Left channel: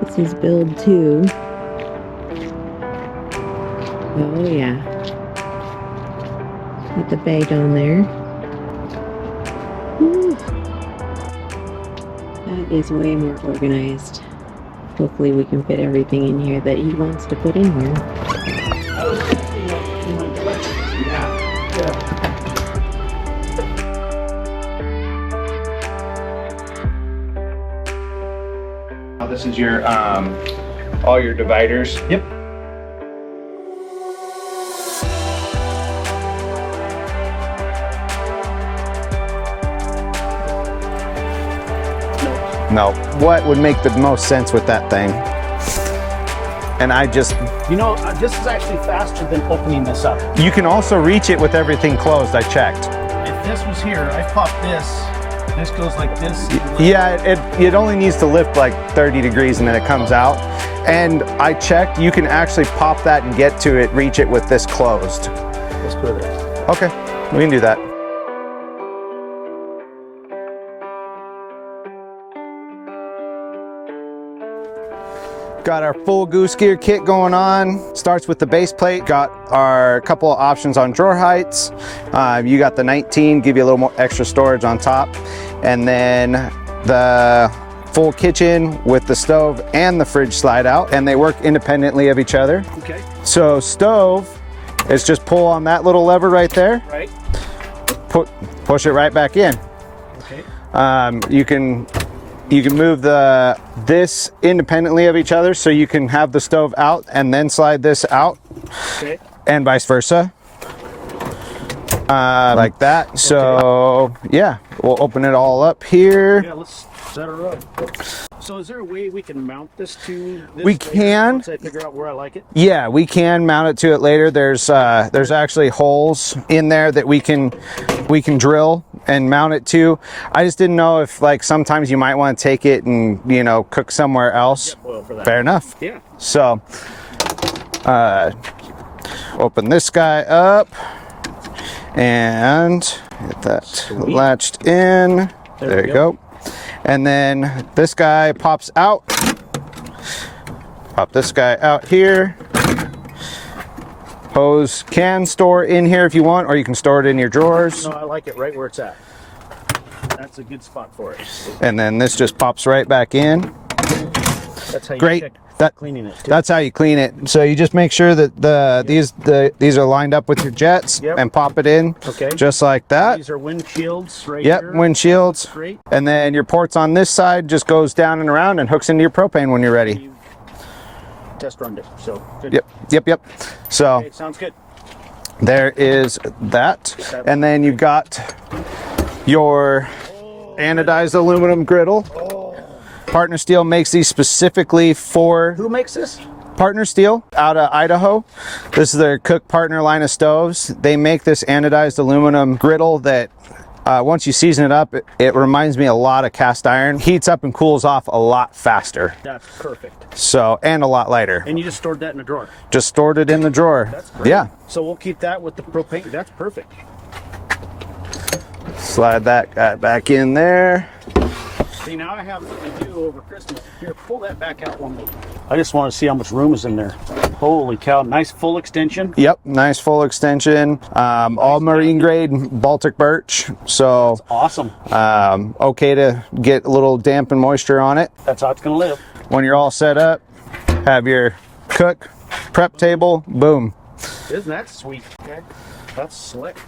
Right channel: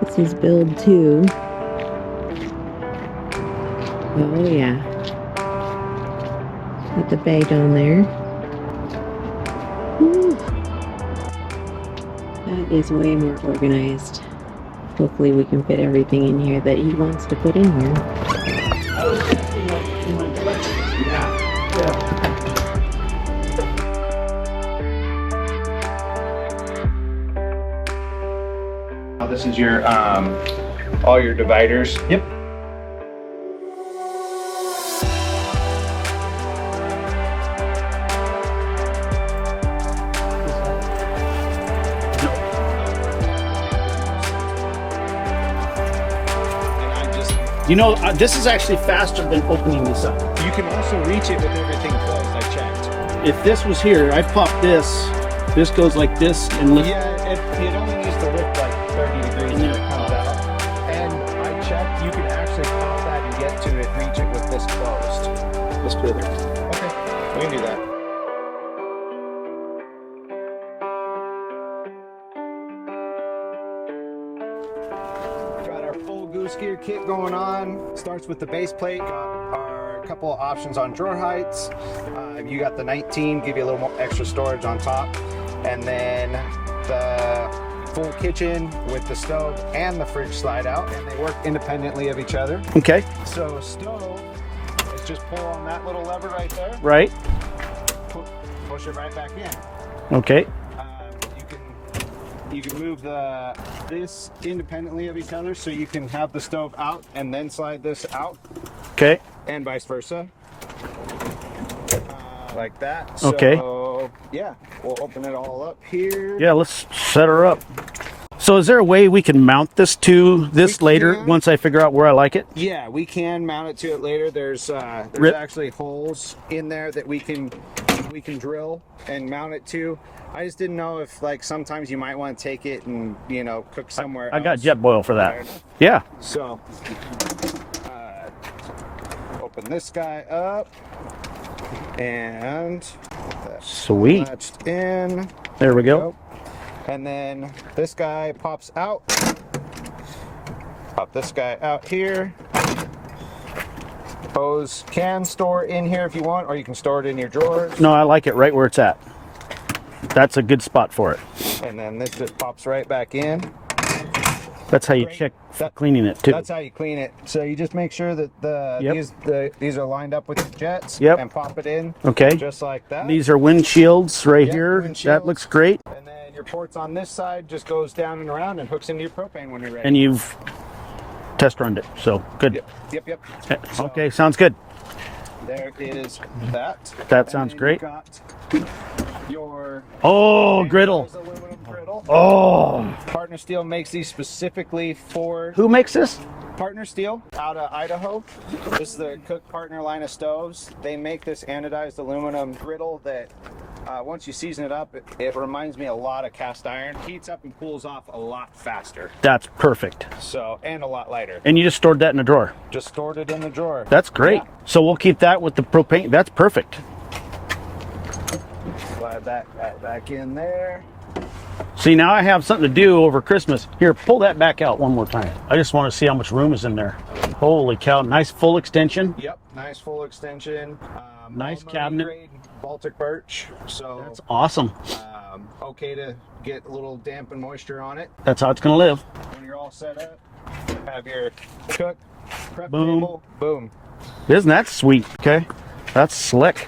This is build 2. Oh yeah. With the bay down there. Woo. That is way more organized. Hopefully we can fit everything in here that he wants to put in here. This is your all your dividers. Yep. No. What would make the most sense with that thing? And I just... You know, this is actually faster than opening this up. You can also reach it with everything closed, I checked. If this was here, I pop this goes like this. And yeah, it only needs to lift like 30 degrees and then it comes out. And I checked, you can actually pop that and get to it, reach it with this closed. That's perfect. Okay, we can do that. Got our full Goose gear kit going on. Starts with the base plate. Got our couple of options on drawer heights. You got the 19, give you a little more extra storage on top. And then the full kitchen with the stove and the fridge slide out, and they work independently of each other. Okay. So stove is just pull on that little lever right there. Right. Push it right back in. Okay. You can move this independently of each other, so you can have the stove out and then slide this out. Okay. And vice versa. Like that. So okay. Yeah, we'll open it all up here. Yeah, let's set her up. So is there a way we can mount this to this later once I figure out where I like it? Yeah, we can mount it to it later. There's actually holes in there that we can drill and mount it to. I just didn't know if like sometimes you might want to take it and, you know, cook somewhere else. I got jet boil for that. Fair enough. Yeah. So open this guy up and get that latched in. There we go. And then this guy pops out. Pop this guy out here. Hose can store in here if you want, or you can store it in your drawers. No, I like it right where it's at. That's a good spot for it. And then this just pops right back in. That's how you check cleaning it too. That's how you clean it. So you just make sure that these are lined up with your jets and pop it in. Okay. Just like that. These are windshields right here. Windshields. That looks great. And then your ports on this side just goes down and around and hooks into your propane when you're ready. And you've test runned it, so good. Yep. So okay, sounds good. There is that. And then you got your anodized aluminum griddle. Partner Steel makes these specifically for... Who makes this? Partner Steel out of Idaho. This is their Cook Partner line of stoves. They make this anodized aluminum griddle that once you season it up, it reminds me a lot of cast iron. Heats up and cools off a lot faster. That's perfect. So, and a lot lighter. And you just stored that in a drawer? Just stored it in the drawer. That's great. Yeah. So we'll keep that with the propane. That's perfect. Slide that guy back in there. See, now I have something to do over Christmas. Here, pull that back out one more time. I just want to see how much room is in there. Holy cow, nice full extension. Yep, nice full extension. All marine grade Baltic birch. So that's awesome. Okay to get a little damp and moisture on it. That's how it's gonna live. When you're all set up, have your cook prep table, boom. Isn't that sweet? Okay, that's slick.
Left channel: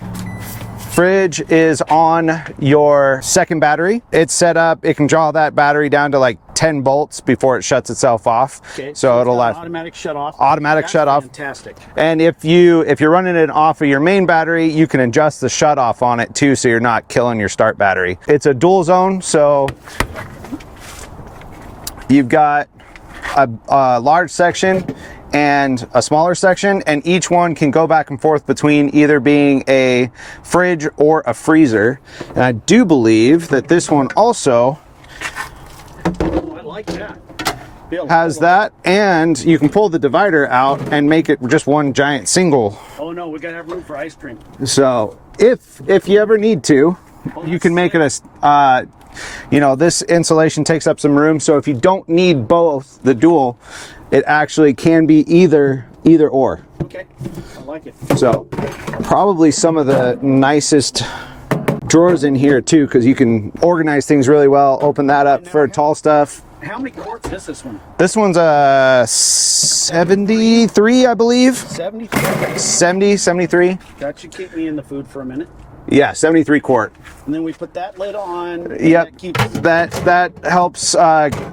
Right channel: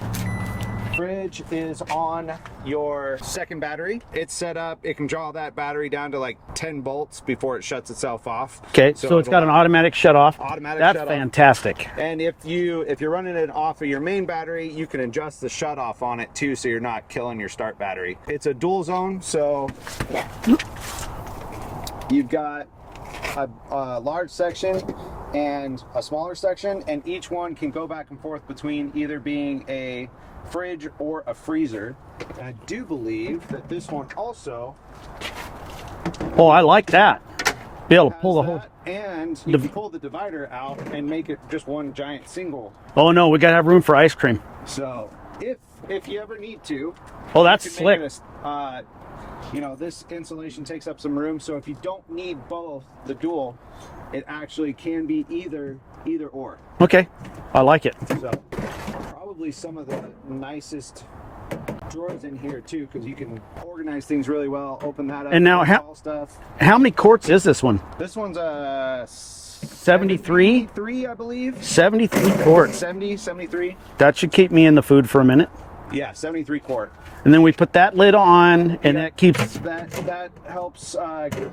Fridge is on your second battery. It's set up, it can draw that battery down to like 10 volts before it shuts itself off. Okay, so it's got an automatic shut off. Automatic shut off. Fantastic. And if you're running it off of your main battery, you can adjust the shut off on it too, so you're not killing your start battery. It's a dual zone, so you've got a large section and a smaller section, and each one can go back and forth between either being a fridge or a freezer. And I do believe that this one also I like that. Has that, and you can pull the divider out and make it just one giant single. Oh no, we gotta have room for ice cream. So if you ever need to, you can make it you know, this insulation takes up some room. So if you don't need both, the dual, it actually can be either or. Okay, I like it. So probably some of the nicest drawers in here too, because you can organize things really well. Open that up for tall stuff. How many quarts is this one? This one's a 73, I believe. 73 quarts. 73. That should keep me in the food for a minute. Yeah, 73 quart. And then we put that lid on, and that keeps that helps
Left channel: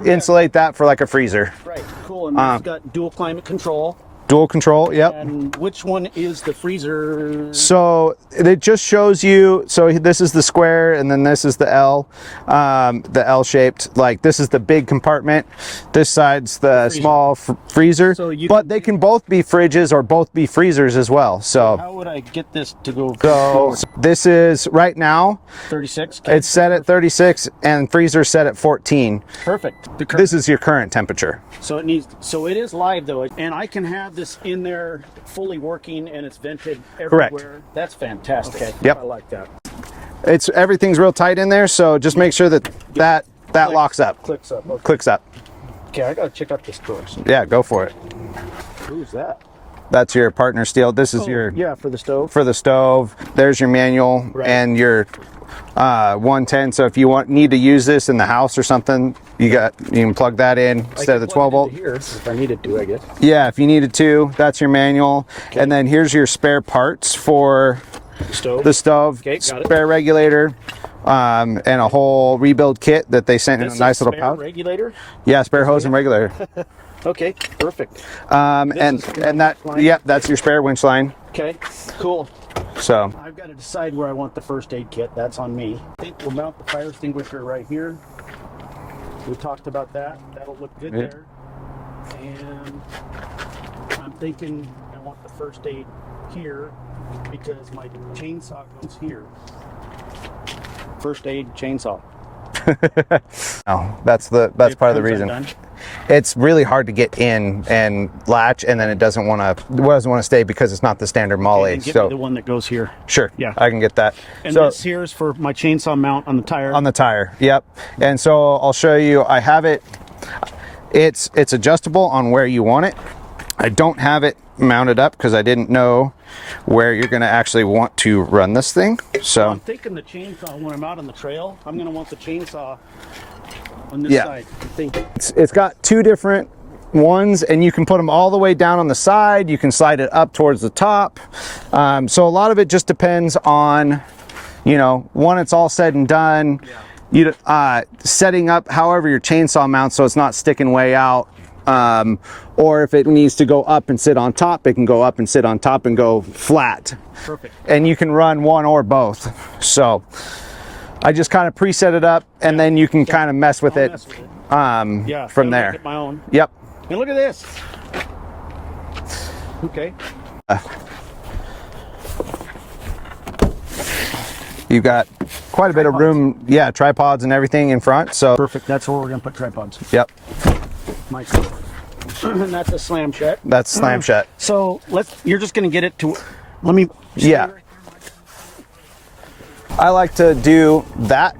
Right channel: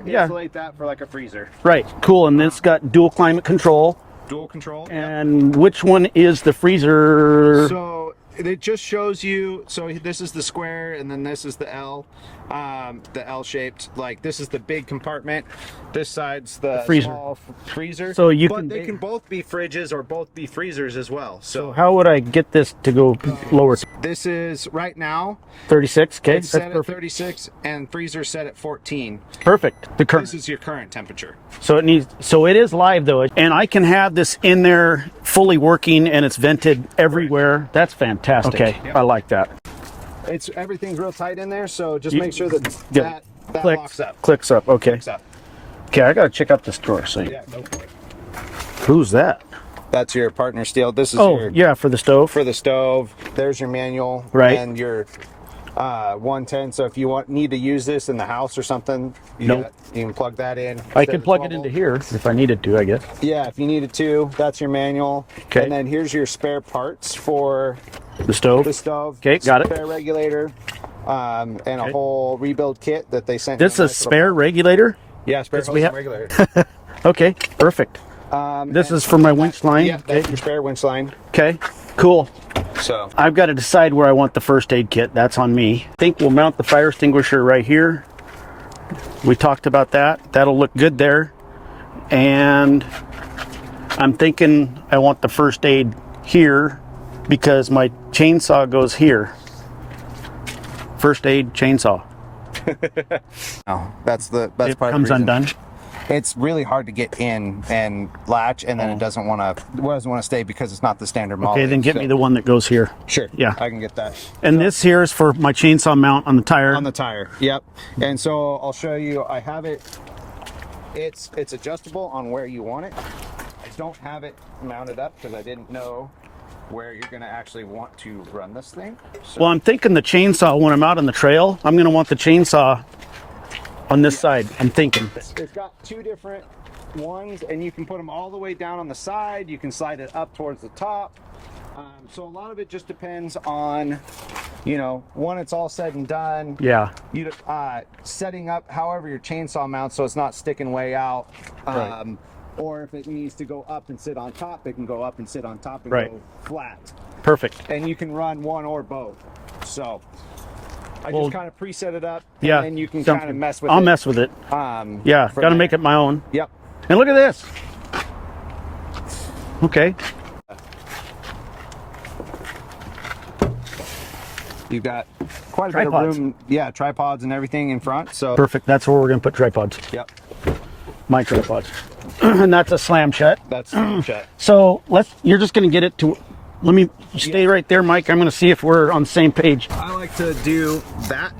insulate that for like a freezer. Right, cool. And it's got dual climate control. Dual control, yep. And which one is the freezer? So it just shows you, so this is the square and then this is the L shaped, like this is the big compartment. This side's the small freezer. So but they can both be fridges or both be freezers as well. So how would I get this to go lower? This is right now 36. Okay. It's set at 36 and freezer set at 14. Perfect. This is your current temperature. So it is live though, and I can have this in there fully working and it's vented everywhere. Correct. That's fantastic. Okay. Yep. I like that. Everything's real tight in there, so just make sure that that locks up. Clicks up. Okay. Clicks up. Okay, I gotta check out this drawer. So yeah, go for it. Who's that? That's your partner steel. This is your for the stove. For the stove. There's your manual and your 110. So if you need to use this in the house or something, you can plug that in instead of the 12 volt. It into here if I needed to, I guess. Yeah, if you needed to. That's your manual. Okay. And then here's your spare parts for the stove. The stove. Okay, got it. Spare regulator. And a whole rebuild kit that they sent in a nice little pouch. This is a spare regulator? Yeah, spare hose and regulator. Okay, perfect. This is for my winch line? Yep, that's your spare winch line. Okay, cool. So I've got to decide where I want the first aid kit. That's on me. I think we'll mount the fire extinguisher right here. We talked about that. That'll look good there. And I'm thinking I want the first aid here because my chainsaw goes here. First aid chainsaw. Oh, that's part of the reason. Undone. It's really hard to get in and latch, and then it doesn't want to stay because it's not the standard MOLLE. Okay, then get me the one that goes here. Sure. Yeah, I can get that. And this here is for my chainsaw mount on the tire. On the tire. Yep. And so I'll show you. I have it. It's adjustable on where you want it. I don't have it mounted up because I didn't know where you're going to actually want to run this thing. So well, I'm thinking the chainsaw when I'm out on the trail, I'm going to want the chainsaw on this side. I'm thinking it's got two different ones, and you can put them all the way down on the side. You can slide it up towards the top. So a lot of it just depends on, you know, when it's all said and done. Yeah. You setting up however your chainsaw mounts so it's not sticking way out. Or if it needs to go up and sit on top, it can go up and sit on top and go flat. Perfect. And you can run one or both. So I just kind of preset it up, and then you can kind of mess with it. I'll mess with it. Yeah, gotta make it my own. Yep. And look at this. Okay. You've got quite a bit of room. Yeah, tripods and everything in front. So perfect. That's where we're gonna put tripods. Yep. My tripods. And that's a slam shut. That's slam shut. So you're just gonna get it to. Let me stay right there, Mike. I'm going to see if we're on the same page. I like to do that.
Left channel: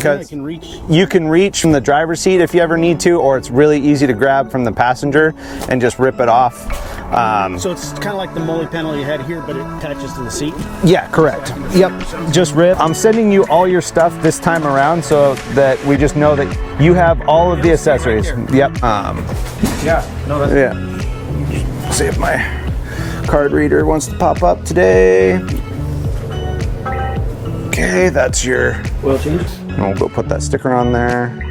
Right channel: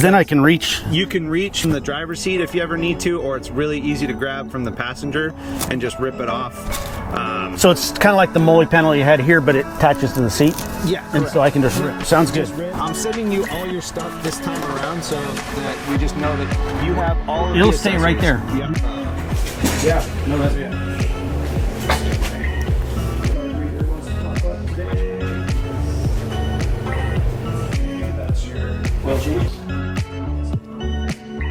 Then I can reach. You can reach from the driver's seat if you ever need to, or it's really easy to grab from the passenger and just rip it off. So it's kind of like the MOLLE panel you had here, but it attaches to the seat? Yeah, correct. So I can just rip. Sounds just good. rip. I'm sending you all your stuff this time around so that we just know that you have all of the accessories. Right there. Yep. Yeah. No, that's Let's see if my card reader wants to pop up today. Okay, that's your oil change. We'll go put that sticker on there.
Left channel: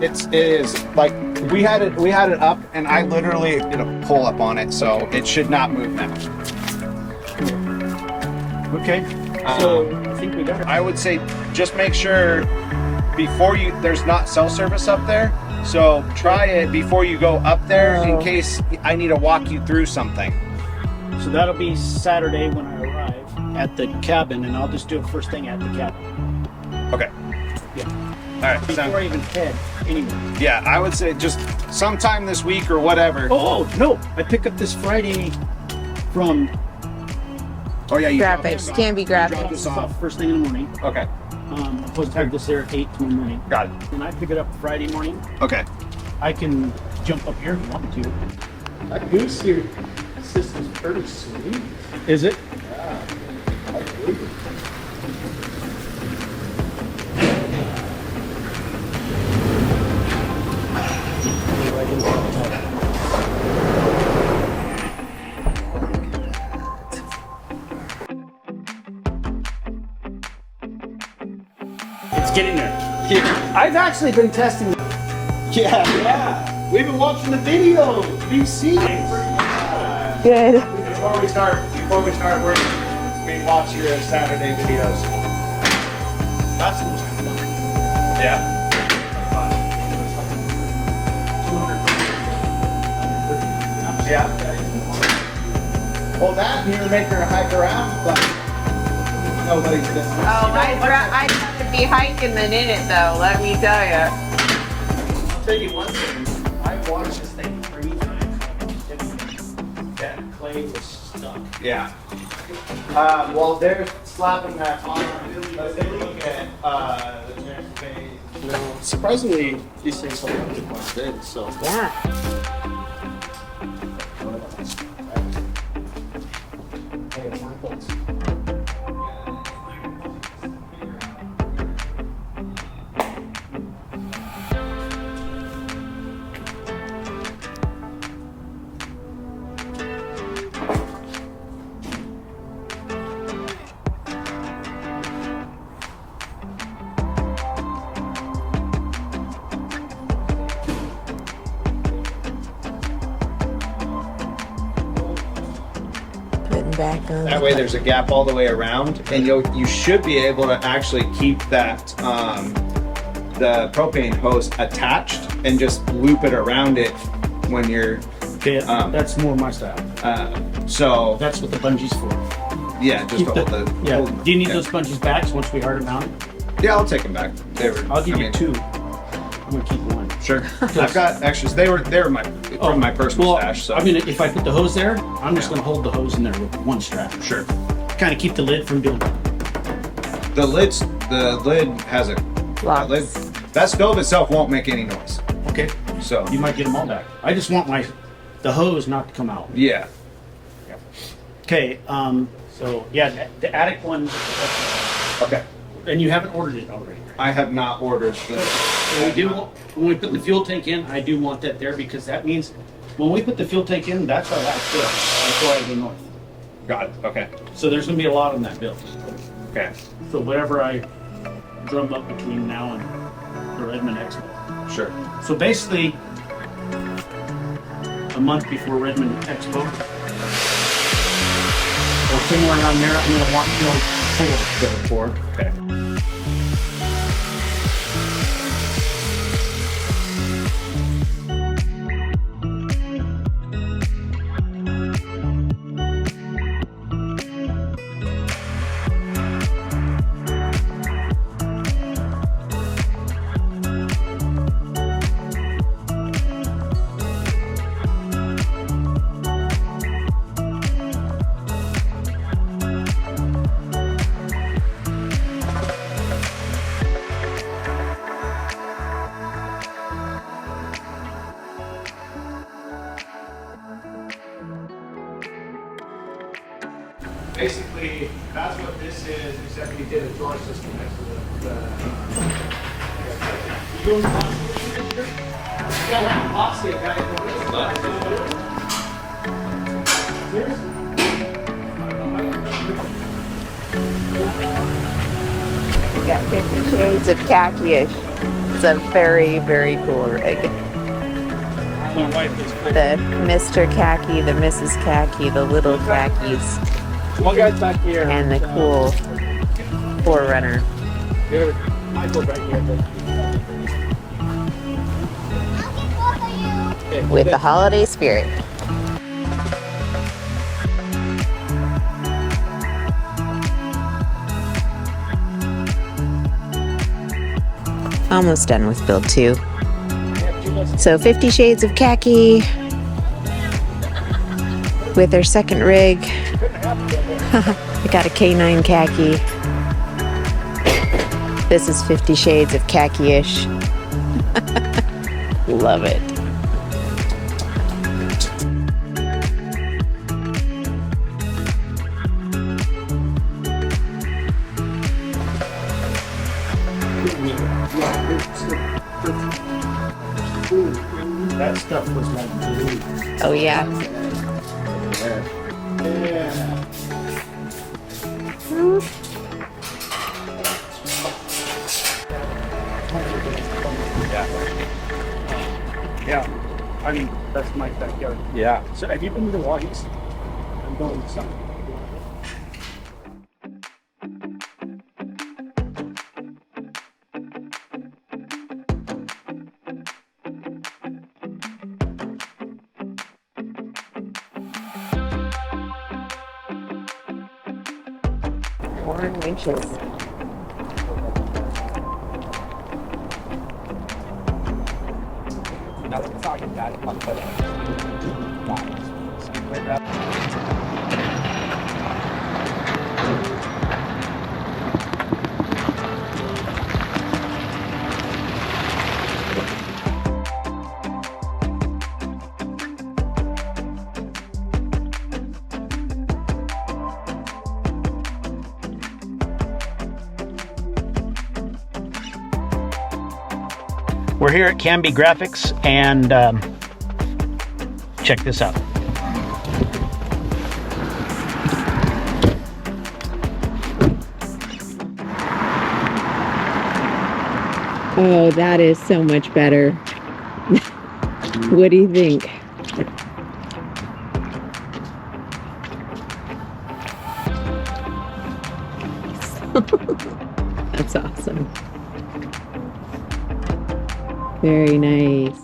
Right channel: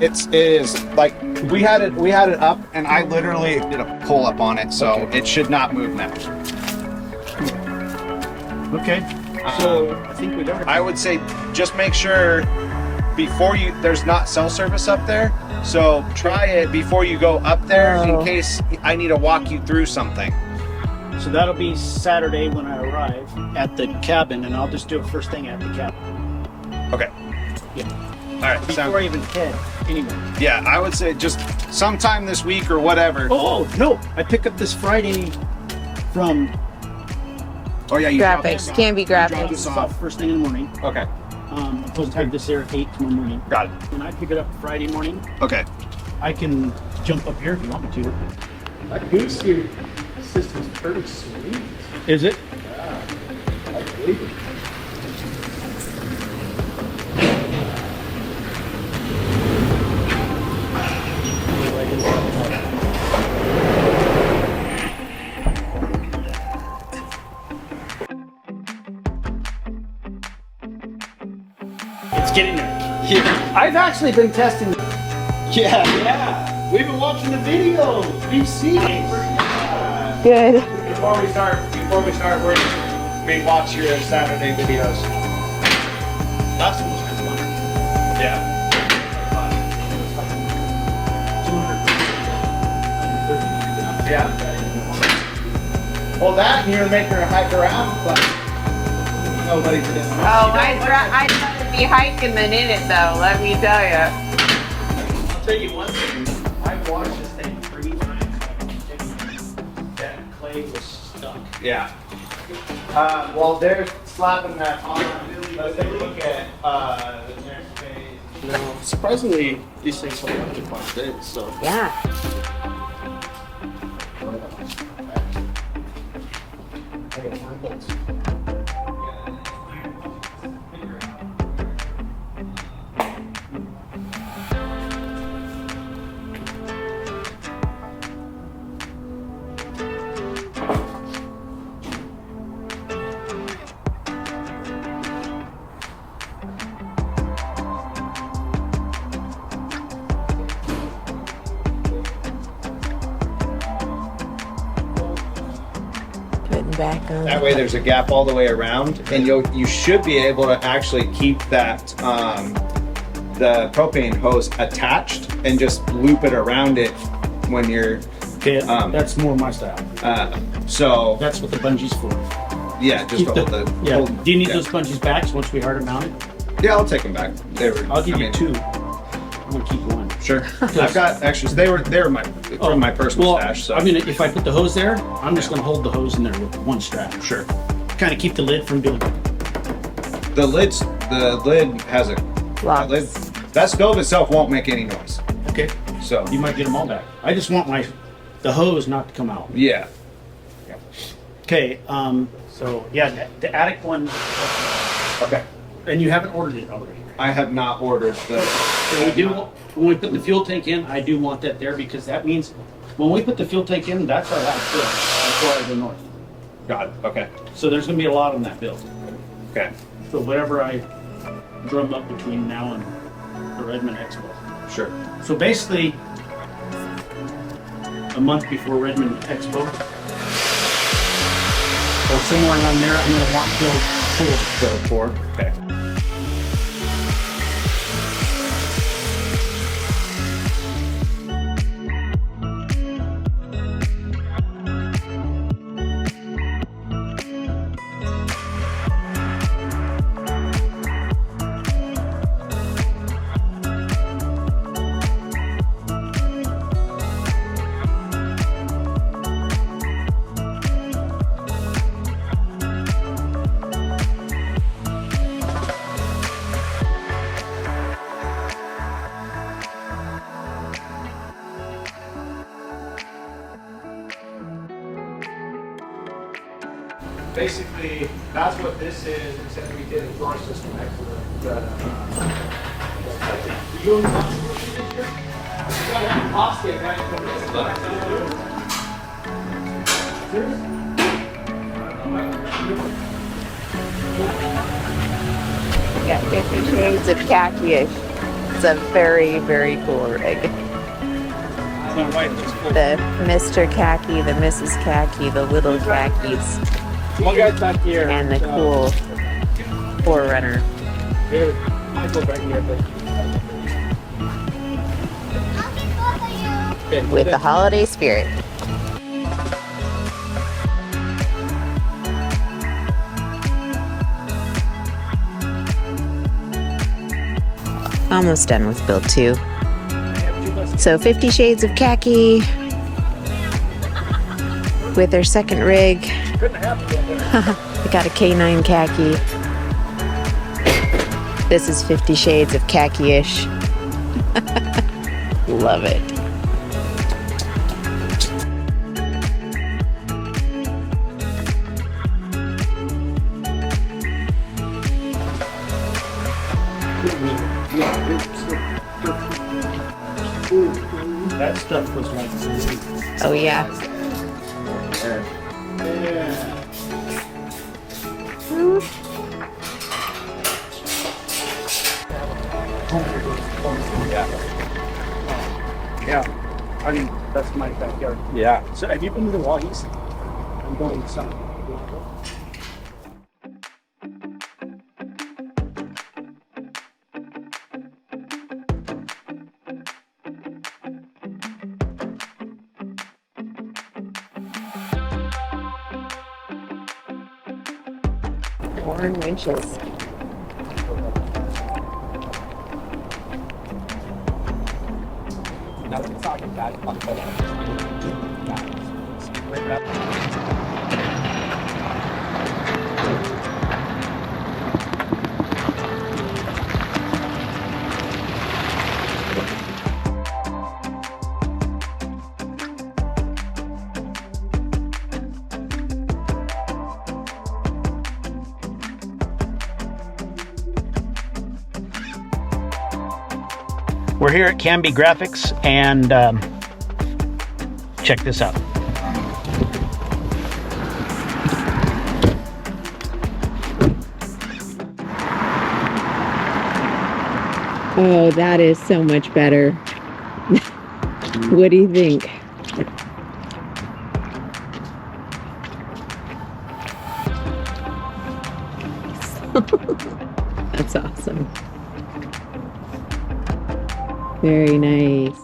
it is like we had it up, and I literally did a pull up on it, so it should not move now. Okay. So I think we got it. I would say just make sure before there's not cell service up there, so try it before you go up there in case I need to walk you through something. So that'll be Saturday when I arrive at the cabin, and I'll just do it first thing at the cabin. Okay. Yeah. All right. Before I even head anywhere. Yeah, I would say just sometime this week or whatever. Oh no! I pick up this Friday from Oh yeah, you Graphics, Canby Graphics. this off first thing in the morning. Okay. I'm supposed to have this there at 8 tomorrow morning. Got it. When I pick it up Friday morning, Okay. I can jump up here if you want me to. That Goose here system's pretty sweet. Is it? It's getting there. Yeah. I've actually been testing. Yeah. We've been watching the videos. We've seen it. Good. Before we start working, we watch your Saturday videos. That's the most fun. Yeah. Yeah. Well, that and you're making her hike around, but nobody did it. Oh, I'd rather be hiking than in it, though. Let me tell you. I'll tell you one thing. I've watched this thing 3 times. That clay was stuck. Yeah. Well, they're slapping that on. Let's take a look at the next page. Surprisingly, these things don't really want in, so. Yeah. Getting back on. That way there's a gap all the way around, and you should be able to actually keep that the propane hose attached and just loop it around it when you're Okay, that's more my style. so That's what the bungee's for. yeah, just hold the Yeah. hold- Do you need those bungees back once we hard them mounted? yeah, I'll take them back. I'll give you 2. I'm gonna keep one. Sure. I've got extras. They were my from my personal Well, stash. So I mean, if I put the hose there, I'm just gonna hold the hose in there with one strap. sure. Kind of keep the lid from building. The lid has a Lots. lid. That stove itself won't make any noise. Okay. So You might get them all back. I just want the hose not to come out. yeah. Okay. So yeah, the attic one, Okay. and you haven't ordered it already. I have not ordered the. So we do, when we put the fuel tank in, I do want that there because that means when we put the fuel tank in, that's our last bill before I go north. Got it. Okay. So there's gonna be a lot on that bill. Okay. So whatever I drum up between now and the Redmond Expo. Sure. So basically, a month before Redmond Expo, or somewhere around there, I'm gonna want to build 4. Okay. Basically, that's what this is, except we did a drawer system next to the you going Got 50 shades of khaki-ish. is a very, very cool rig. My wife just put The Mr. Khaki, the Mrs. Khaki, the little khakis, one guy's back here. and the cool Forerunner. There's Michael right here. Okay, With the holiday spirit. Almost done with build 2. So 50 Shades of Khaki with our second rig. I got a K9 khaki. This is 50 Shades of Khaki-ish. Love it. That stuff was right. Oh yeah. Yeah, that's my backyard. Yeah. So have you been to the Walkies? I'm going south. Winches. We're here at Canby Graphics, and check this out. Oh, that is so much better. What do you think? That's awesome. Very nice.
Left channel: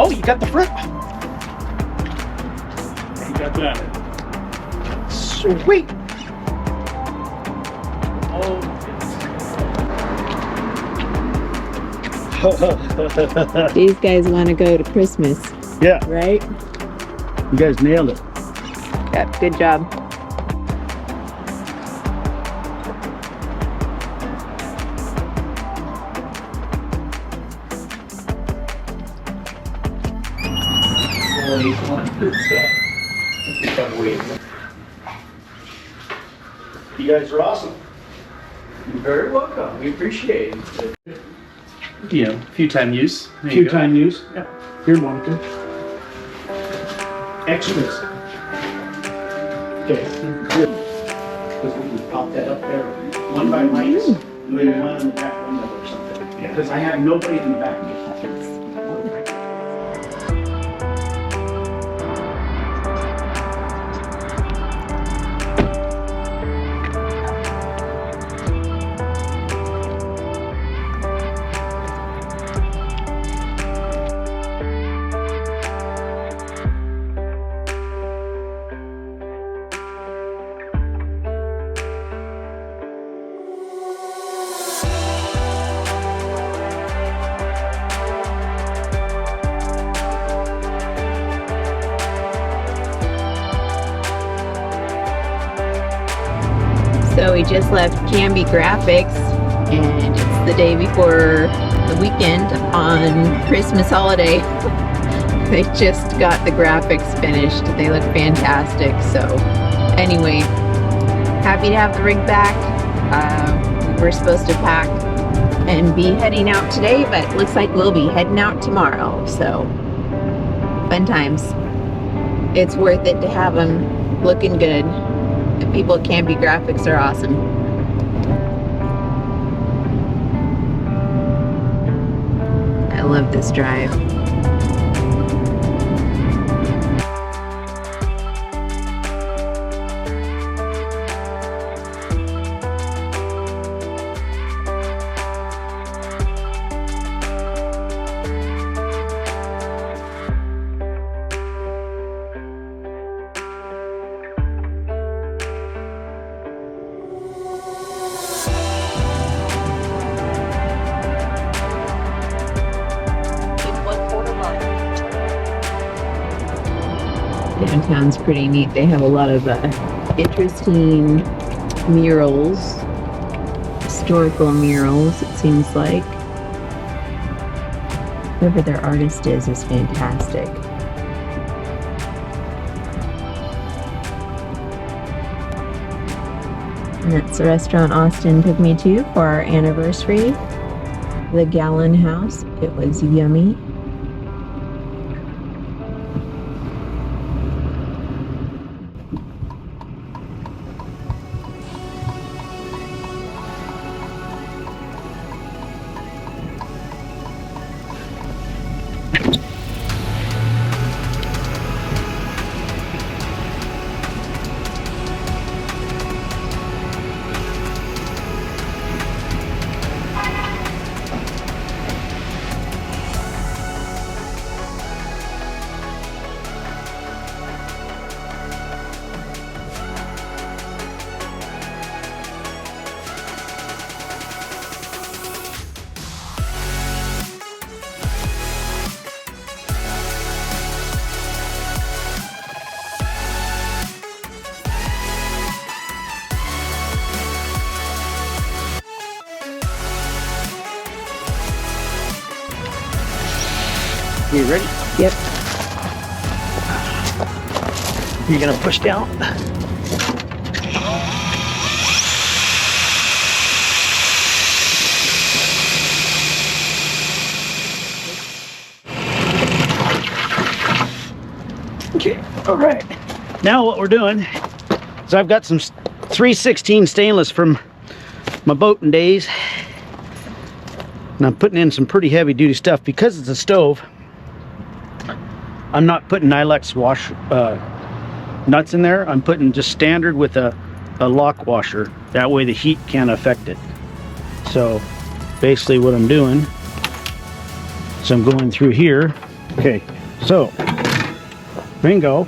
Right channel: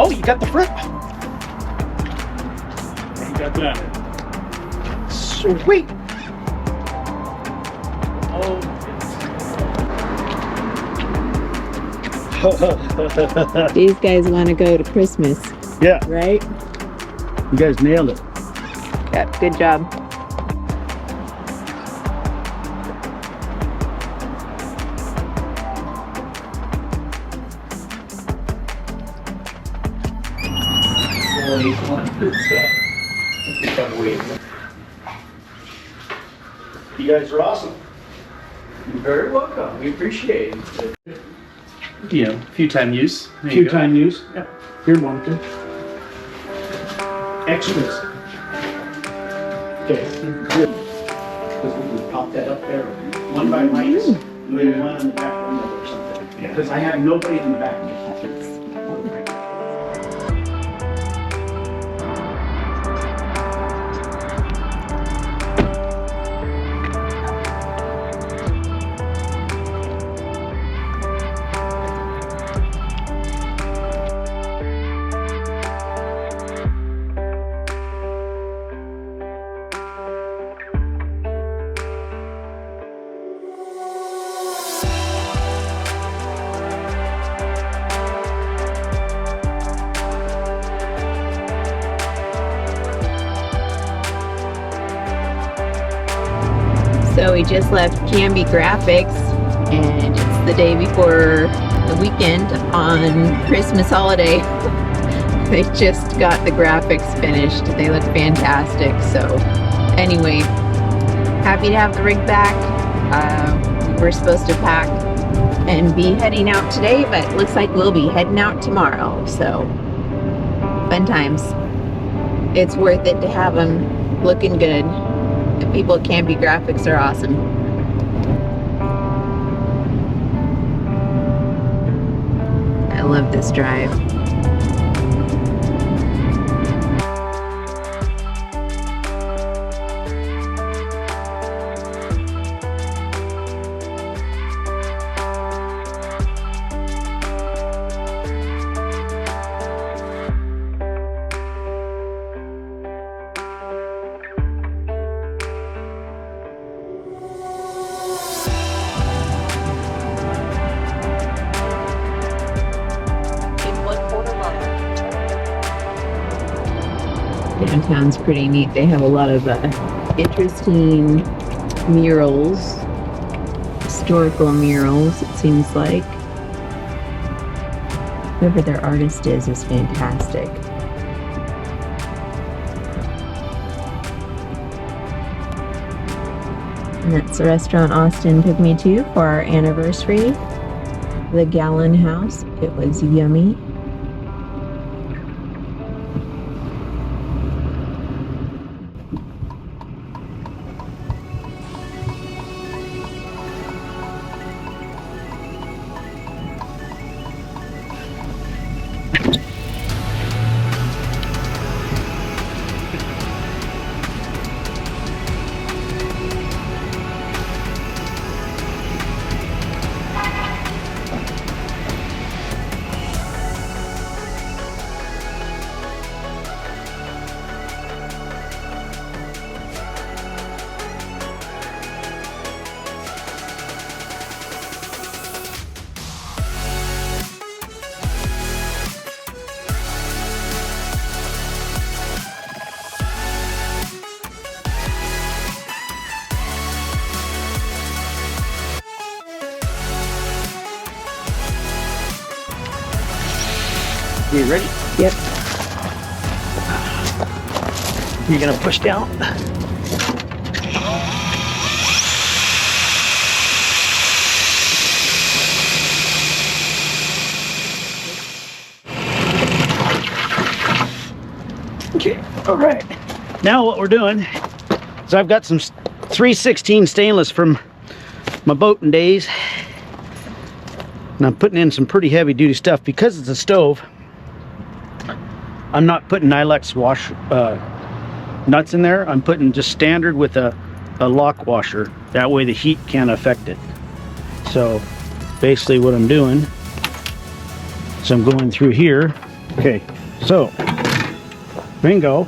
Oh, you got the front. You got that. Sweet. Oh. These guys want to go to Christmas, Yeah, right? you guys nailed it. Yep, good job. You guys are awesome. You're very welcome. We appreciate it. You know, few-time use. There you Few go. time use. Yeah. Here, Monica. Extras. Okay. Because we can pop that up there. One by Mike's, and then one on the back window or something. Yeah. Because I have nobody in the back yet. we just left Canby Graphics, and it's the day before the weekend on Christmas holiday. They just got the graphics finished. They look fantastic. So anyway, happy to have the rig back. We're supposed to pack and be heading out today, but looks like we'll be heading out tomorrow. So fun times. It's worth it to have them looking good. The people at Canby Graphics are awesome. I love this drive. Downtown's pretty neat. They have a lot of interesting murals, historical murals, it seems like. Whoever their artist is fantastic. And that's the restaurant Austin took me to for our anniversary. The Gallon House. It was yummy. You ready? Yep. You're gonna push down. Okay, all right. Now what we're doing is I've got some 316 stainless from my boating days, and I'm putting in some pretty heavy duty stuff because it's a stove. I'm not putting Nylex wash nuts in there. I'm putting just standard with a lock washer. That way the heat can't affect it. So basically what I'm doing is I'm going through here. Okay, so bingo.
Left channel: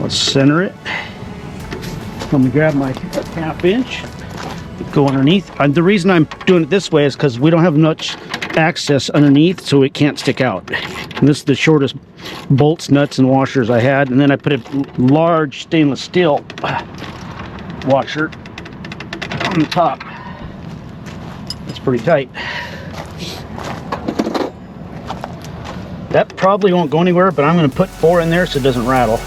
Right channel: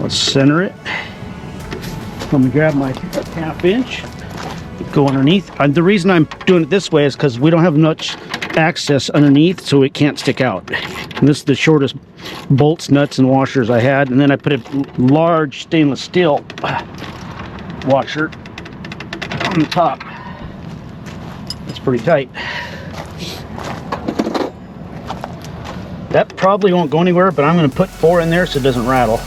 Let's center it. Let me grab my ½ inch. Go underneath. The reason I'm doing it this way is because we don't have much access underneath, so it can't stick out. And this is the shortest bolts, nuts, and washers I had. And then I put a large stainless steel washer on the top. It's pretty tight. That probably won't go anywhere, but I'm going to put 4 in there so it doesn't rattle.